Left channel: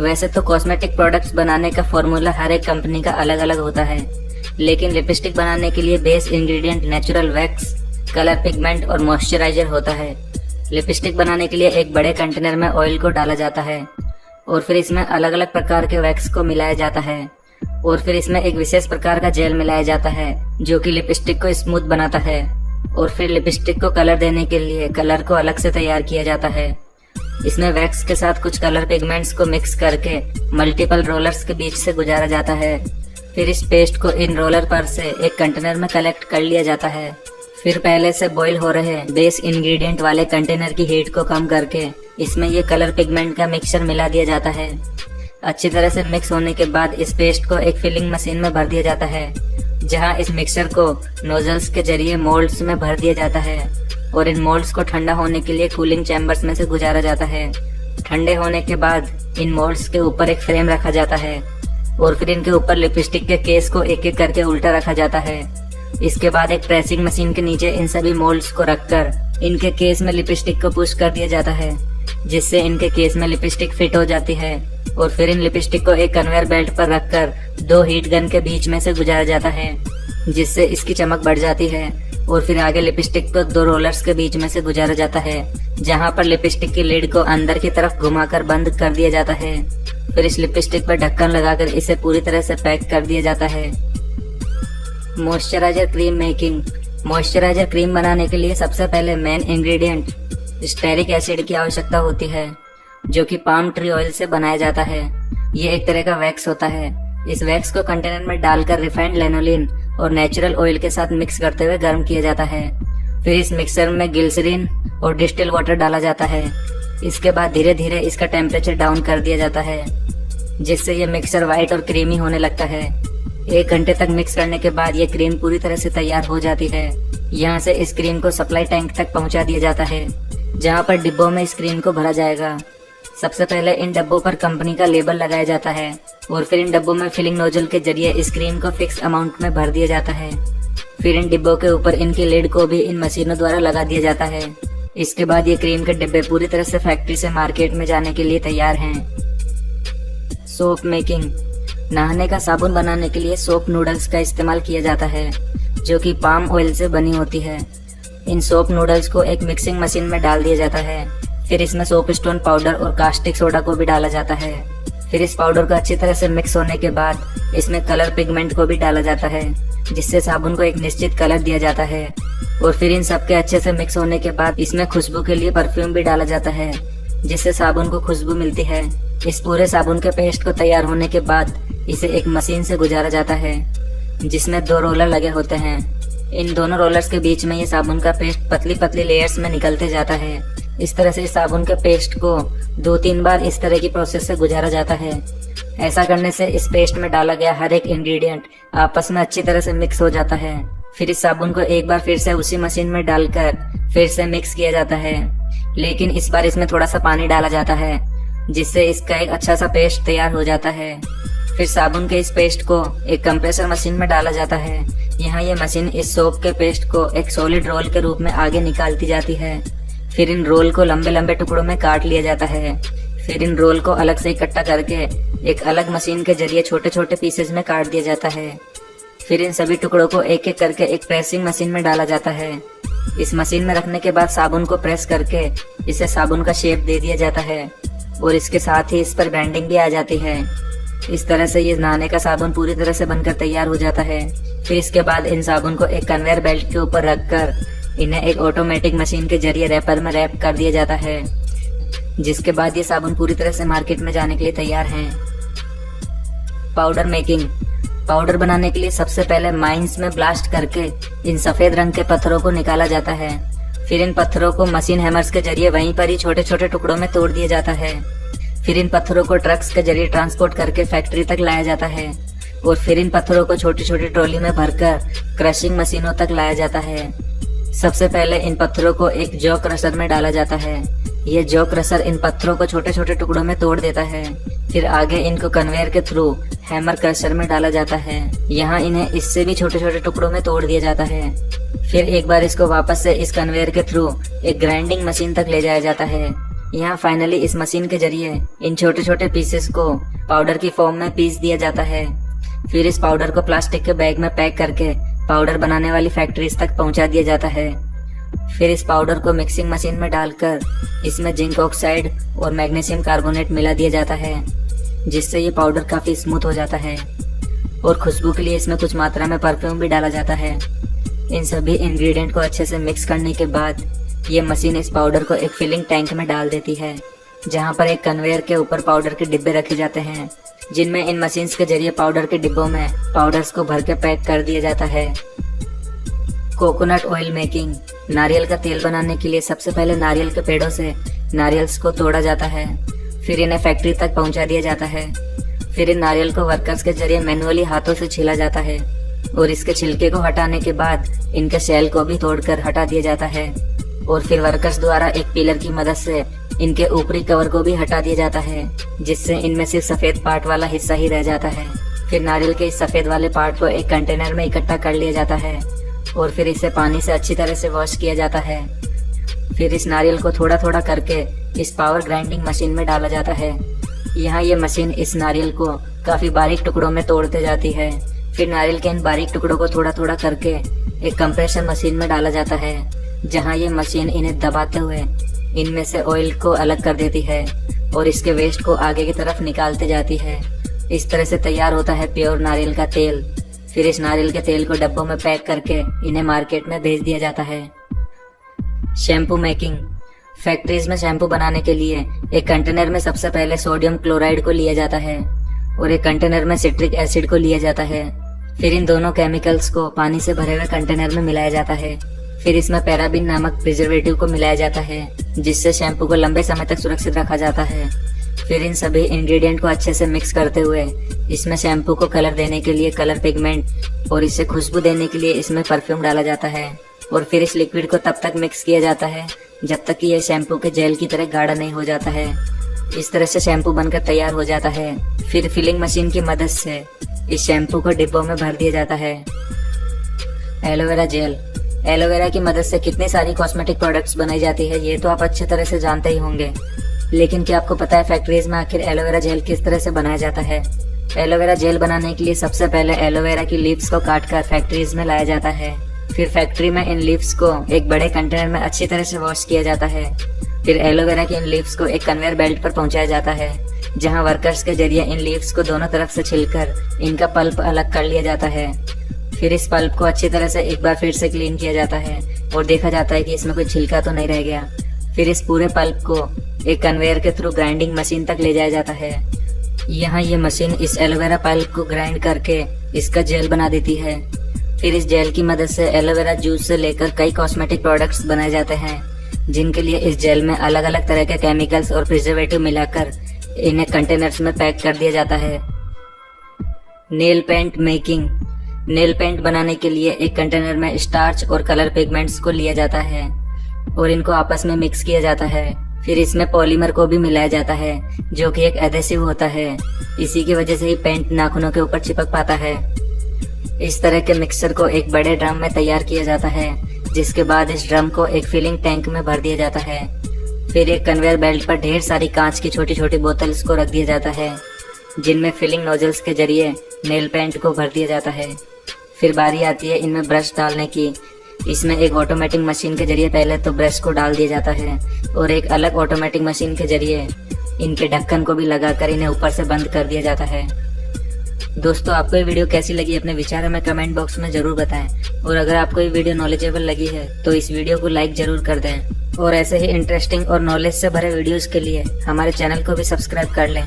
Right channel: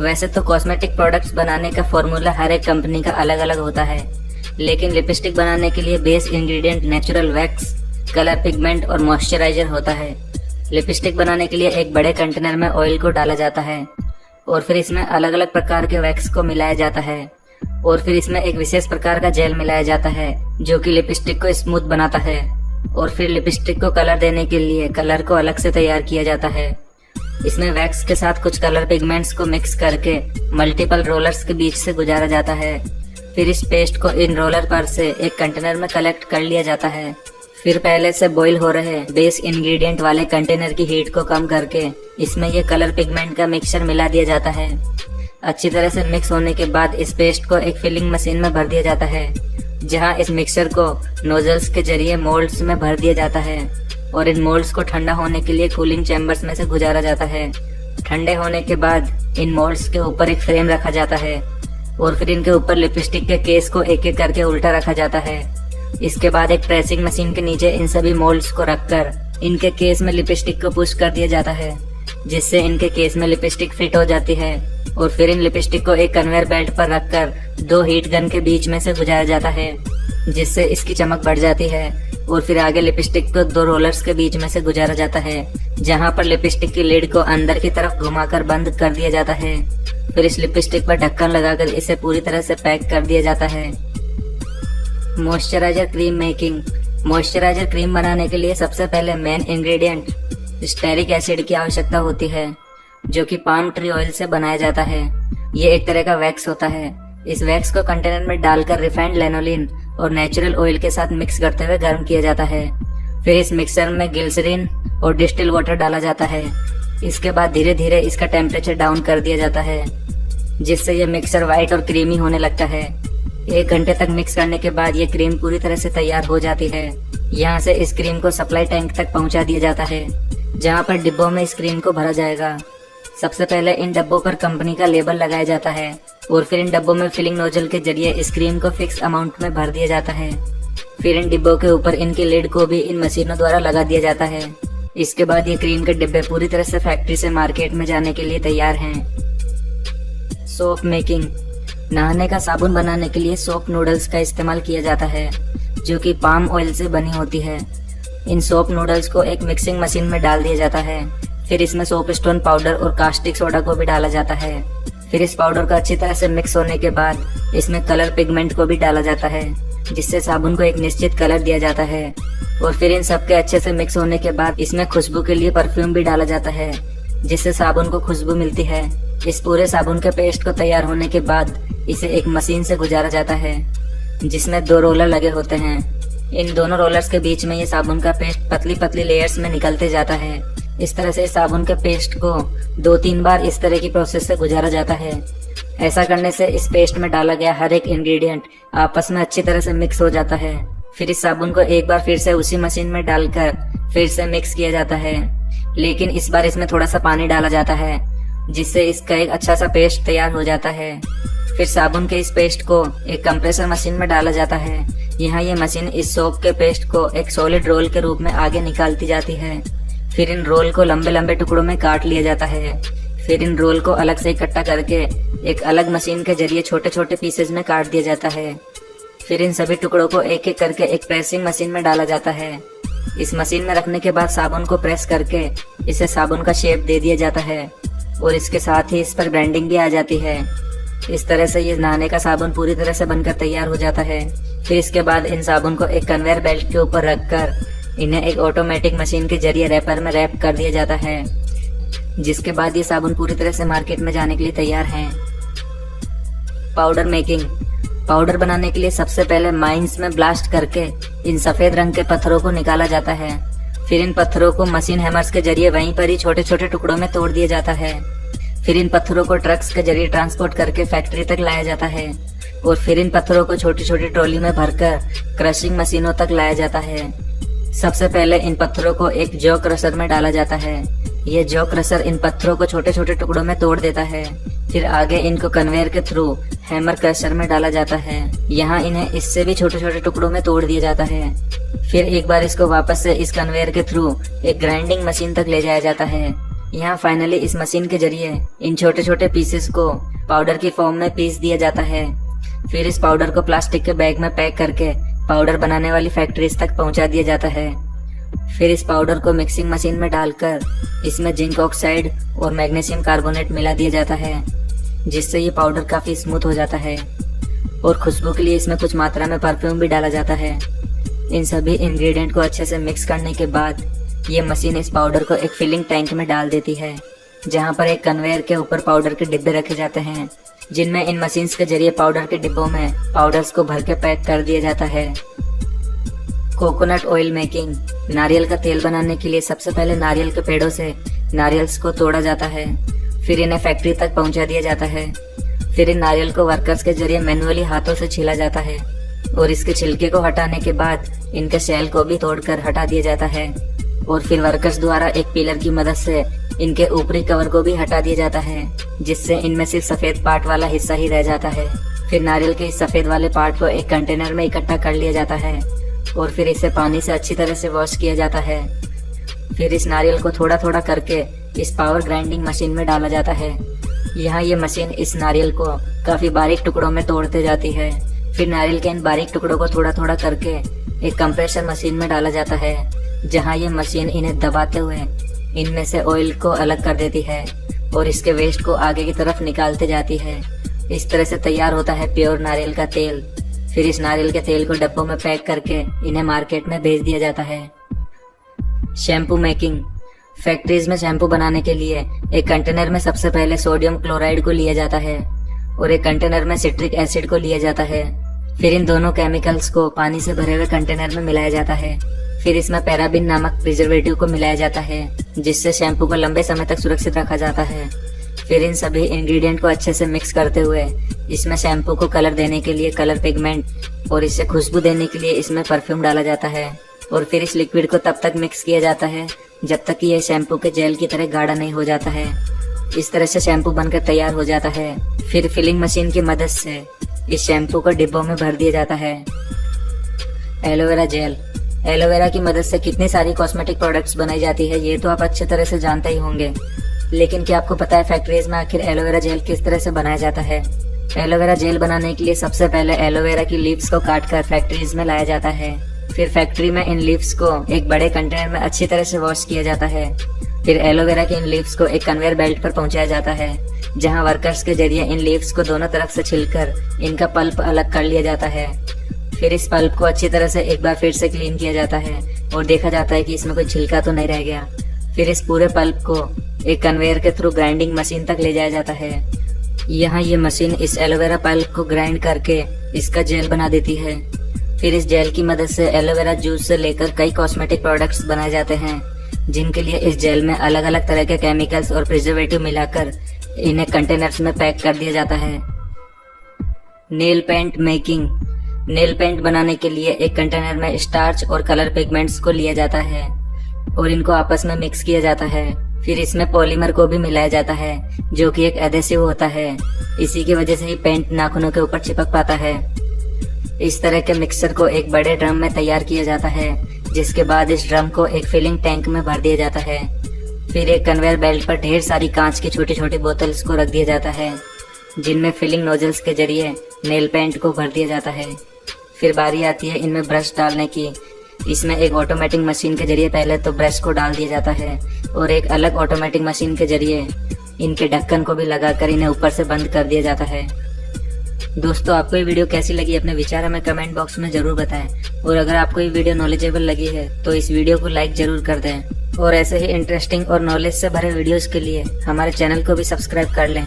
वैसे तो cosmetic products बनाने का फॉर्मूला हर एक कंपनी का अलग अलग होता है, लेकिन लिपस्टिक बनाने के लिए base ingredient natural wax, colour pigment और मॉइस्चराइजर होता है। लिपस्टिक बनाने के लिए एक बड़े कंटेनर में ऑयल को डाला जाता है और फिर इसमें अलग अलग प्रकार के वैक्स को मिलाया जाता है और फिर इसमें एक विशेष प्रकार का जेल मिलाया जाता है जो कि लिपस्टिक को स्मूथ बनाता है। और फिर लिपस्टिक को कलर देने के लिए कलर को अलग से तैयार किया जाता है। इसमें वैक्स के साथ कुछ कलर पिगमेंट्स को मिक्स करके मल्टीपल रोलर्स के बीच से गुजारा जाता है। फिर इस पेस्ट को इन रोलर पर से एक कंटेनर में कलेक्ट कर लिया जाता है। फिर पहले से बॉईल हो रहे बेस इंग्रेडिएंट वाले कंटेनर की हीट को कम करके इसमें ये कलर पिगमेंट का मिक्सचर मिला दिया जाता है। अच्छी तरह से मिक्स होने के बाद इस पेस्ट को एक फिलिंग मशीन में भर दिया जाता है, जहां इस मिक्सचर को नोजल्स के जरिए मोल्ड्स में भर दिया जाता है और इन मोल्ड्स को ठंडा होने के लिए कूलिंग चैम्बर्स में से गुजारा जाता है। ठंडे होने के बाद इन मोल्ड्स के ऊपर एक फ्रेम रखा जाता है और फिर इनके ऊपर लिपस्टिक के केस को एक एक करके उल्टा रखा जाता है। इसके बाद एक प्रेसिंग मशीन के नीचे इन सभी मोल्ड्स को रखकर इनके केस में लिपस्टिक को पुश कर दिया जाता है, जिससे इनके केस में लिपस्टिक फिट हो जाती है। और फिर इन लिपस्टिक को एक कन्वेयर बेल्ट पर रखकर 2 हीट गन के बीच में से गुजारा जाता है, जिससे इसकी चमक बढ़ जाती है। और फिर आगे लिपस्टिक को 2 रोलर्स के बीच में से गुजारा जाता है, जहां पर लिपस्टिक की लिड को अंदर की तरफ घुमाकर बंद कर दिया जाता है। फिर इस लिपस्टिक पर ढक्कन लगाकर इसे पूरी तरह से पैक कर दिया जाता है। Moisturiser cream making. Moisturiser cream बनाने के लिए सबसे पहले मेन इंग्रेडिएंट स्टेरिक एसिड की आवश्यकता होती है, जो कि पाम ट्री ऑयल से बनाया जाता है। ये एक तरह का वैक्स होता है। इस वैक्स को कंटेनर में डालकर रिफाइंड लैनोलिन और नेचुरल ऑयल के साथ मिक्स करते हुए गर्म किया जाता है। फिर इस मिक्सर में ग्लिसरीन और डिस्टिल वाटर डाला जाता है। इसके बाद धीरे धीरे इसका टेम्परेचर डाउन कर दिया जाता है, जिससे ये मिक्सर व्हाइट और क्रीमी होने लगता है। 1 घंटे तक मिक्स करने के बाद ये क्रीम पूरी तरह से तैयार हो जाती है। यहाँ से इस क्रीम को सप्लाई टैंक तक पहुँचा दिया जाता है, जहाँ पर डिब्बों में इस क्रीम को भरा जाएगा। सबसे पहले इन डब्बों पर कंपनी का लेबल लगाया जाता है और फिर इन डब्बों में फिलिंग नोजल के जरिए इस क्रीम को फिक्स अमाउंट में भर दिया जाता है। फिर इन डिब्बों के ऊपर इनकी लिड को भी इन मशीनों द्वारा लगा दिया जाता है। इसके बाद ये क्रीम के डिब्बे पूरी तरह से फैक्ट्री से मार्केट में जाने के लिए तैयार हैं। Soap making. नहाने का साबुन बनाने के लिए सोप नूडल्स का इस्तेमाल किया जाता है, जो कि पाम ऑयल से बनी होती है। इन सोप नूडल्स को एक मिक्सिंग मशीन में डाल दिया जाता है। फिर इसमें सोप स्टोन पाउडर और कास्टिक सोडा को भी डाला जाता है। फिर इस पाउडर को अच्छी तरह से मिक्स होने के बाद इसमें कलर पिगमेंट को भी डाला जाता है, जिससे साबुन को एक निश्चित कलर दिया जाता है। और फिर इन सबके अच्छे से मिक्स होने के बाद इसमें खुशबू के लिए परफ्यूम भी डाला जाता है, जिससे साबुन को खुशबू मिलती है। इस पूरे साबुन के पेस्ट को तैयार होने के बाद इसे एक मशीन से गुजारा जाता है, जिसमें 2 रोलर लगे होते हैं। इन दोनों रोलर्स के बीच में ये साबुन का पेस्ट पतली पतली लेयर्स में निकलते जाता है। इस तरह से साबुन के पेस्ट को 2-3 बार इस तरह की प्रोसेस से गुजारा जाता है। ऐसा करने से इस पेस्ट में डाला गया हर एक इंग्रेडिएंट आपस में अच्छी तरह से मिक्स हो जाता है। फिर इस साबुन को एक बार फिर से उसी मशीन में डालकर फिर से मिक्स किया जाता है, लेकिन इस बार इसमें थोड़ा सा पानी डाला जाता है, जिससे इसका एक अच्छा सा पेस्ट तैयार हो जाता है। फिर साबुन के इस पेस्ट को एक कंप्रेसर मशीन में डाला जाता है। यहाँ ये मशीन इस सोप के पेस्ट को एक सॉलिड रोल के रूप में आगे निकालती जाती है। फिर इन रोल को लंबे लंबे टुकड़ों में काट लिया जाता है। फिर इन रोल को अलग से इकट्ठा करके एक अलग मशीन के जरिए छोटे छोटे पीसेस में काट दिया जाता है। फिर इन सभी टुकड़ों को एक एक करके एक प्रेसिंग मशीन में डाला जाता है। इस मशीन में रखने के बाद साबुन को प्रेस करके इसे साबुन का शेप दे दिया जाता है और इसके साथ ही इस पर ब्रांडिंग भी आ जाती है। इस तरह से ये नहाने का साबुन पूरी तरह से बनकर तैयार हो जाता है। फिर इसके बाद इन साबुन को एक कन्वेयर बेल्ट के ऊपर रखकर इन्हें एक ऑटोमेटिक मशीन के जरिए रैपर में रैप कर दिया जाता है, जिसके बाद ये साबुन पूरी तरह से मार्केट में जाने के लिए तैयार हैं। Powder making. पाउडर बनाने के लिए सबसे पहले माइंस में ब्लास्ट करके इन सफेद रंग के पत्थरों को निकाला जाता है। फिर इन पत्थरों को मशीन हैमर्स के जरिए वहीं पर ही छोटे छोटे टुकड़ों में तोड़ दिया जाता है। फिर इन पत्थरों को ट्रक्स के जरिए ट्रांसपोर्ट करके फैक्ट्री तक लाया जाता है और फिर इन पत्थरों को छोटी छोटी ट्रॉली में भरकर क्रशिंग मशीनों तक लाया जाता है। सबसे पहले इन पत्थरों को एक जॉ क्रशर में डाला जाता है। ये जॉ क्रशर इन पत्थरों को छोटे छोटे टुकड़ों में तोड़ देता है। फिर आगे इनको कन्वेयर के थ्रू हैमर क्रशर में डाला जाता है। यहाँ इन्हें इससे भी छोटे छोटे टुकड़ों में तोड़ दिया जाता है। फिर एक बार इसको वापस से इस कन्वेयर के थ्रू एक ग्राइंडिंग मशीन तक ले जाया जाता है। यहाँ फाइनली इस मशीन के जरिए इन छोटे छोटे पीसेस को पाउडर की फॉर्म में पीस दिया जाता है। फिर इस पाउडर को प्लास्टिक के बैग में पैक करके पाउडर बनाने वाली फैक्ट्रीज तक पहुंचा दिया जाता है। फिर इस पाउडर को मिक्सिंग मशीन में डालकर इसमें जिंक ऑक्साइड और मैग्नीशियम कार्बोनेट मिला दिया जाता है, जिससे ये पाउडर काफी स्मूथ हो जाता है। और खुशबू के लिए इसमें कुछ मात्रा में परफ्यूम भी डाला जाता है। इन सभी इंग्रेडिएंट को अच्छे से मिक्स करने के बाद ये मशीन इस पाउडर को एक फिलिंग टैंक में डाल देती है, जहाँ पर एक कन्वेयर के ऊपर पाउडर के डिब्बे रखे जाते हैं, जिनमें इन मशीन्स के जरिए पाउडर के डिब्बों में पाउडर्स को भर के पैक कर दिया जाता है। Coconut oil making. नारियल का तेल बनाने के लिए सबसे पहले नारियल के पेड़ों से नारियल्स को तोड़ा जाता है, फिर इन्हें फैक्ट्री तक पहुंचा दिया जाता है। फिर इन नारियल को वर्कर्स के जरिए मैनुअली हाथों से छीला जाता है और इसके छिलके को हटाने के बाद इनके सेल को भी तोड़कर हटा दिया जाता है। और फिर वर्कर्स द्वारा एक पिलर की मदद से इनके ऊपरी कवर को भी हटा दिया जाता है, जिससे इनमें सिर्फ सफेद पार्ट वाला हिस्सा ही रह जाता है। फिर नारियल के इस सफेद वाले पार्ट को एक कंटेनर में इकट्ठा कर लिया जाता है और फिर इसे पानी से अच्छी तरह से वॉश किया जाता है। फिर इस नारियल को थोड़ा थोड़ा करके इस पावर ग्राइंडिंग मशीन में डाला जाता है। यहाँ ये मशीन इस नारियल को काफी बारीक टुकड़ों में तोड़ते जाती है। फिर नारियल के इन बारीक टुकड़ों को थोड़ा थोड़ा करके एक कंप्रेसर मशीन में डाला जाता है, जहाँ ये मशीन इन्हें दबाते हुए इनमें से ऑयल को अलग कर देती है और इसके वेस्ट को आगे की तरफ निकालते जाती है। इस तरह से तैयार होता है प्योर नारियल का तेल। फिर इस नारियल के तेल को डब्बों में पैक करके इन्हें मार्केट में भेज दिया जाता है। Shampoo making. फैक्ट्रीज में शैम्पू बनाने के लिए एक कंटेनर में सबसे पहले सोडियम क्लोराइड को लिया जाता है और एक कंटेनर में सिट्रिक एसिड को लिया जाता है। फिर इन दोनों केमिकल्स को पानी से भरे हुए कंटेनर में मिलाया जाता है। फिर इसमें पैराबिन नामक प्रिजर्वेटिव को मिलाया जाता है, जिससे शैम्पू को लंबे समय तक सुरक्षित रखा जाता है। फिर इन सभी इंग्रेडिएंट को अच्छे से मिक्स करते हुए इसमें शैम्पू को कलर देने के लिए कलर पिगमेंट और इसे खुशबू देने के लिए इसमें परफ्यूम डाला जाता है। और फिर इस लिक्विड को तब तक मिक्स किया जाता है जब तक कि यह शैम्पू के जेल की तरह गाढ़ा नहीं हो जाता है। इस तरह से शैम्पू बनकर तैयार हो जाता है। फिर फिलिंग मशीन की मदद से इस शैम्पू को डिब्बों में भर दिया जाता है। Aloe vera gel. एलोवेरा की मदद से कितनी सारी कॉस्मेटिक प्रोडक्ट्स बनाई जाती है ये तो आप अच्छी तरह से जानते ही होंगे, लेकिन क्या आपको पता है फैक्ट्रीज में आखिर एलोवेरा जेल किस तरह से बनाया जाता है? एलोवेरा जेल बनाने के लिए सबसे पहले एलोवेरा की लीव्स को काटकर फैक्ट्रीज में लाया जाता है। फिर फैक्ट्री में इन लीव्स को एक बड़े कंटेनर में अच्छी तरह से वॉश किया जाता है। फिर एलोवेरा की इन लीव्स को एक कन्वेयर बेल्ट पर पहुंचाया जाता है, जहां वर्कर्स के जरिए इन लीव्स को दोनों तरफ से छिलकर इनका पल्प अलग कर लिया जाता है। फिर इस पल्प को अच्छी तरह से एक बार फिर से क्लीन किया जाता है और देखा जाता है कि इसमें कोई छिलका तो नहीं रह गया। फिर इस पूरे पल्प को एक कन्वेयर के थ्रू ग्राइंडिंग मशीन तक ले जाया जाता है। यहाँ ये मशीन इस एलोवेरा पल्प को ग्राइंड करके इसका जेल बना देती है। फिर इस जेल की मदद से एलोवेरा जूस से लेकर कई कॉस्मेटिक प्रोडक्ट्स बनाए जाते हैं, जिनके लिए इस जेल में अलग अलग तरह के केमिकल्स और प्रिजर्वेटिव मिलाकर इन्हें कंटेनर्स में पैक कर दिया जाता है। Nail paint making. Nail paint बनाने के लिए एक कंटेनर में स्टार्च और कलर पिगमेंट्स को लिया जाता है और इनको आपस में मिक्स किया जाता है। फिर इसमें पॉलीमर को भी मिलाया जाता है, जो कि एक एडेसिव होता है। इसी की वजह से ही पेंट नाखूनों के ऊपर चिपक पाता है। इस तरह के मिक्सचर को एक बड़े ड्रम में तैयार किया जाता है, जिसके बाद इस ड्रम को एक फिलिंग टैंक में भर दिया जाता है। फिर एक कन्वेयर बेल्ट पर ढेर सारी कांच की छोटी छोटी बोतल्स को रख दिया जाता है, जिनमें फिलिंग नोजल्स के जरिए नेल पेंट को भर दिया जाता है। फिर बारी आती है इनमें ब्रश डालने की। इसमें एक ऑटोमेटिक मशीन के जरिए पहले तो ब्रश को डाल दिया जाता है और एक अलग ऑटोमेटिक मशीन के जरिए इनके ढक्कन को भी लगाकर इन्हें ऊपर से बंद कर दिया जाता है। दोस्तों, आपको ये वीडियो कैसी लगी अपने विचार हमें कमेंट बॉक्स में जरूर बताएं और अगर आपको ये वीडियो नॉलेजेबल लगी है तो इस वीडियो को लाइक जरूर कर दें और ऐसे ही इंटरेस्टिंग और नॉलेज से भरे वीडियोस के लिए हमारे चैनल को भी सब्सक्राइब कर लें।